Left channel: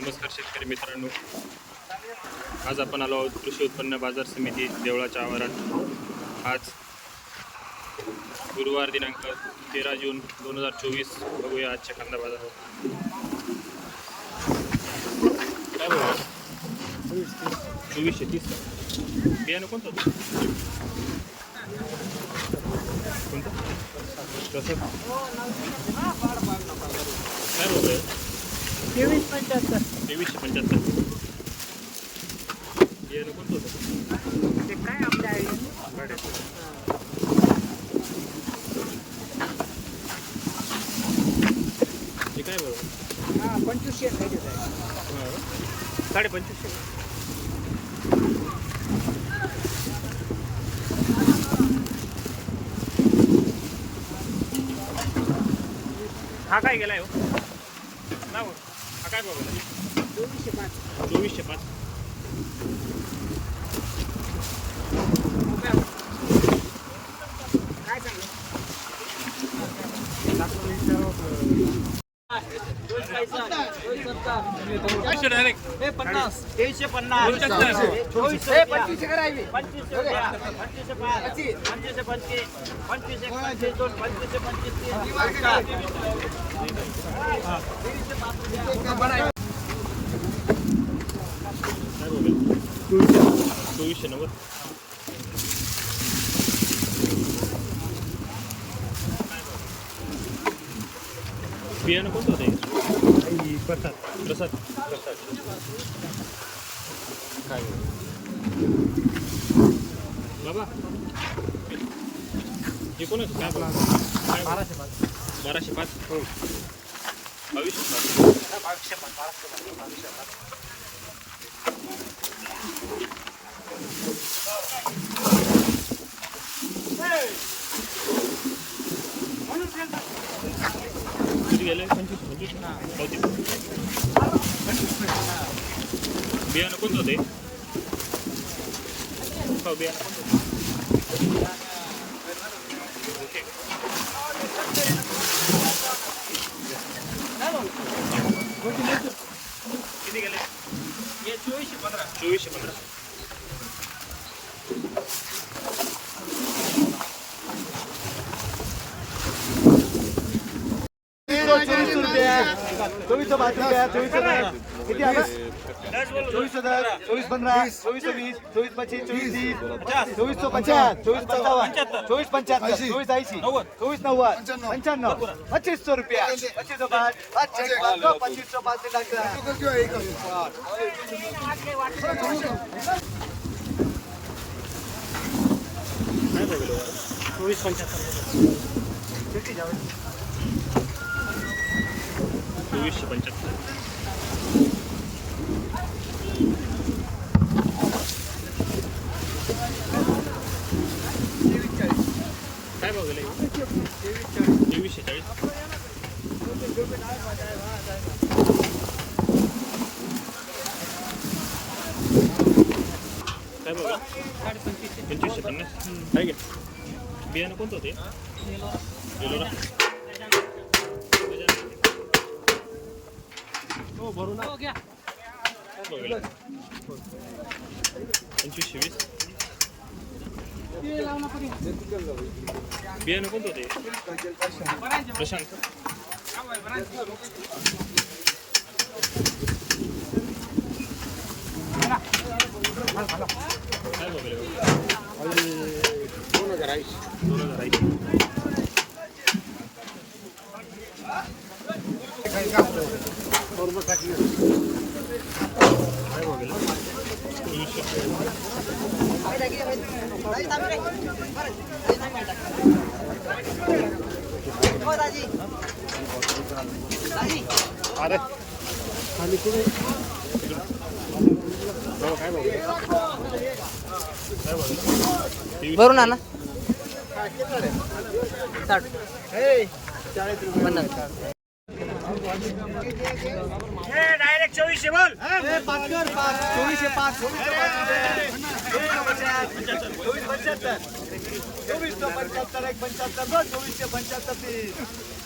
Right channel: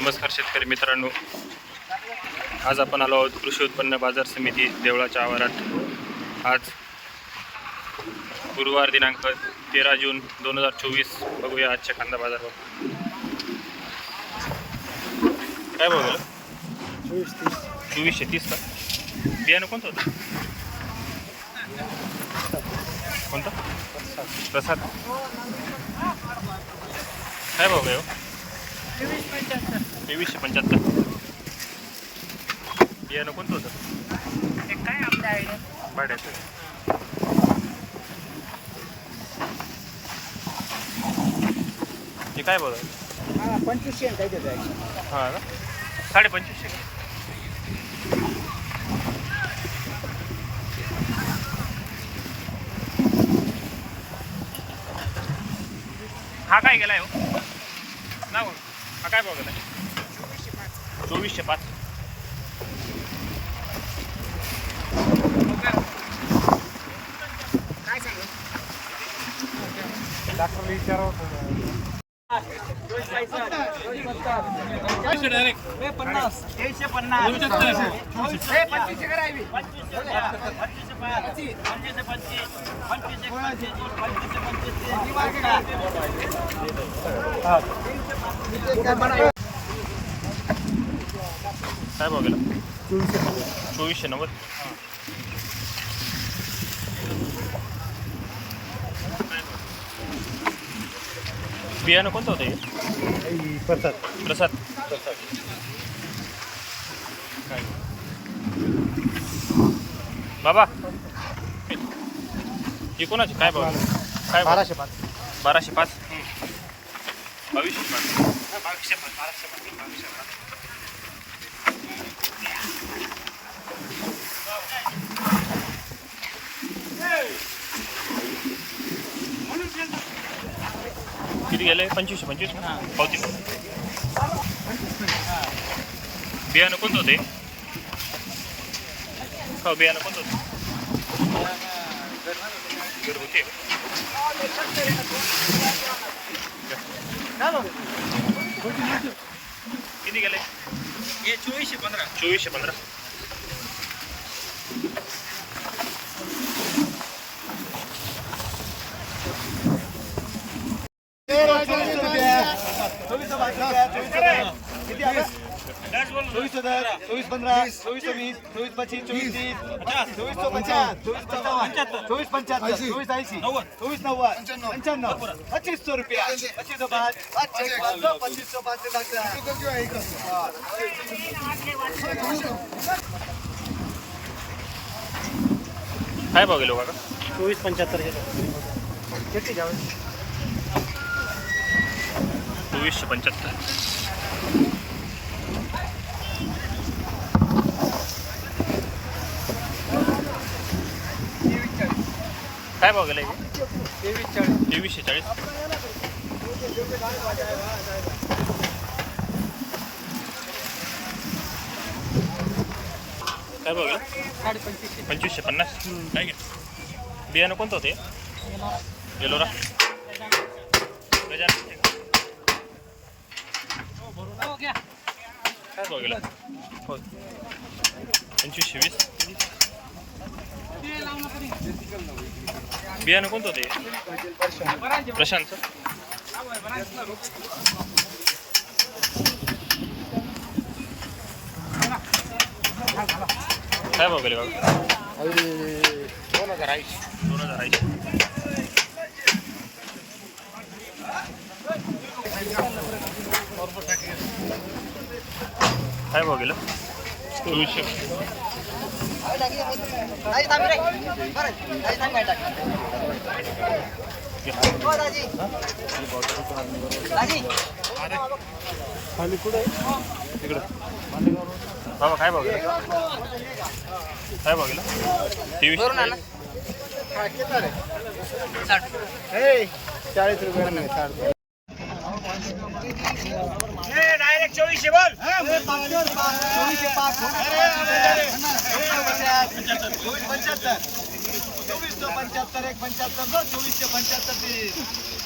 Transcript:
नमस्कार शेतकरी मित्रांनो. आज आपण आलो आहोत कृषी उत्पन्न बाजार समिती देवळाच्या आवारात. आज गुरुवार दिनांक तेरा जून दोन हजार चोवीस. बघूया आजच्या कांदा बाजार काय बघूया चोवीसशे तीस का? बियाणं कोणतं होतं? कोणतं? प्रसाद. काय बघूया तेवीस पंच्याहत्तर तेवीसशे पंच्याहत्तर. बियाणं कोणतं होतं? ते काय आपल्या आयडिया भाड्याचं. हे काय बघा हा पंचवीसशे काय हां साडे पंचवीसशे हा काय गेलाय हो? ना बघ हा काय बघ गेलाय चोवीसशे पाच. चोवीसशे पाच. तेवीसशे पन्नास पंचवीसशे करावी पंचवीसशे पंचवीसशे पंचवीसशे काय बघ चोवीसशे नव्वद. बियाणं कोणतं होतं हे? प्रसाद. काय बाबा. हे कोणाचे? काय बघ काय बाराशे पाच. बाराशे पाच? बावीसशे पाच. बावीसशे पाच बाराशे पाच बावीसशे पाच. किती गेले? पंचवीसशे पंचवीस ना? पावती बियाणं कोणतं होते? का बियाणं कोणतं होतं? घरगुती आहे बावीस रुपया चोवीस हज़ार किती आलं चोवीस हज़ार चोवीस पंधरा चोवीस वीस चोवीस पच्चीस चोवीस तीस चोवीस सौ पचास चोवीस पंचावन्न चोवीस पंच्याहत्तर चोवीस ऐंशी चोवीस नव्वद पंच्याण्णव पच्चीस सौ रुपया पच्चीस सौ पाच पच्चीस सौ पाच काय भाव गेलो काका चोवीस पंच्याहत्तर चोवीसशे पंच्याहत्तर. काय भाव गेला तेवीसशे चाळीस. काय भाव गेला? पंचवीसशे पन्नास. काय घे बियाणं कोणतं होते येलोरा गजानन काय भाव गेला हो पंचवीसशे वीस बियाणं कोणतं होते प्रशांत काय भाव गेले बाबा दोन हजार ऐंशी काय भाव गेलं? चोवीसशे. बाबा काय भाव गेलं? काय भाव गेलं? तेवीस भरून आणा. साठ. चाळीस रुपये. डायरेक्ट चोवीसशे बोल चोवीसशे पाच चोवीस पंच्याहत्तर चोवीस सौ पंच्याहत्तर एक